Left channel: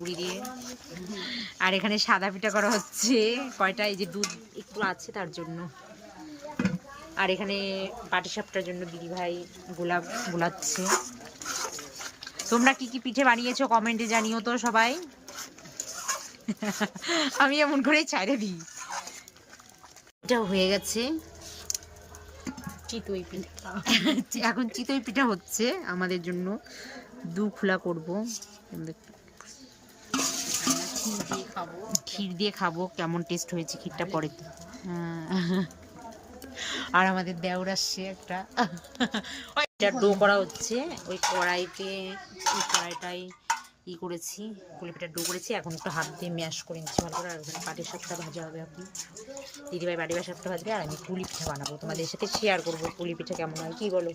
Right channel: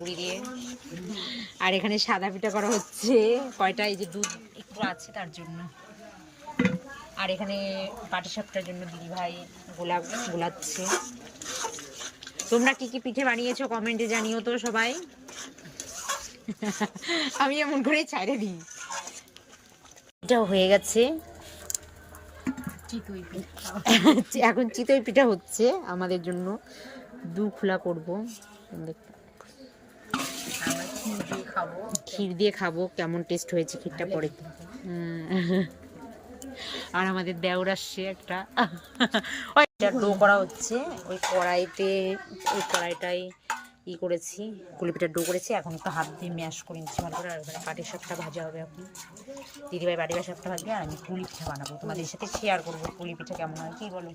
পুরি দিয়ে। আর এখানে সাদা পিঠা করা হচ্ছে কয়টা, এই যে দুধ একটু আছে তার জন্য। আর এখানে পাটিসাপটার জন্য দিদি ভাই গোলাচ্ছে। তোমরা কি কি পিঠে বানিয়েছো কমেন্টে জানিও তো সবাই। আমি এমন করে ছাইড়ে দিই। এটাও হয়ে গেছে চিতই পিঠা। এখন চিতই পিঠা হচ্ছে আমাদের জন্য। দু খোলা করবো, ক্ষীর দিয়ে খাবো। কেমন টেস্ট হয়েছে ক্ষীরটা পরে। আর আমাদের দেওর আসছে একটা, ওইটা ডো করা হচ্ছে ওই কড়াইটাই ই করেছি, পুলি পিঠার ডো করেছি। এখন একটু হাত দিয়ে ম্যাশ করে নিচ্ছি ভালো করে। আর ওখানে পাটিসাপটা ভাজা হবে এখন, দিদিভাই পাটিসাপটা ভাজবে আর আমি পুলি পিঠা বানাবো, তোমাদের সাথে শেয়ার করবো পুলি পিঠা কেমন হয়। কি বলো?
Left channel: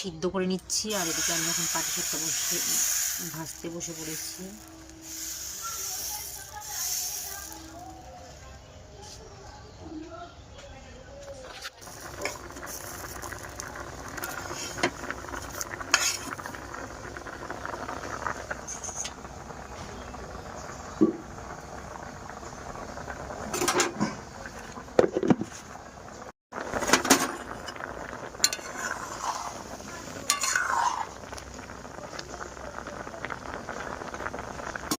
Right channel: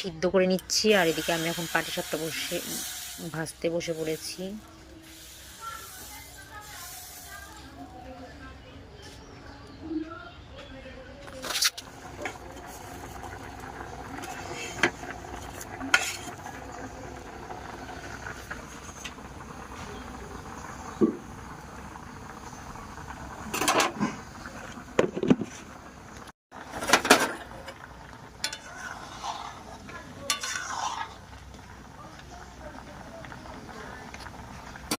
সিদ্ধ করে নিচ্ছি। আর এদিকে আমি এখন পাটিসাপটা ভাজতে বসে পড়েছি।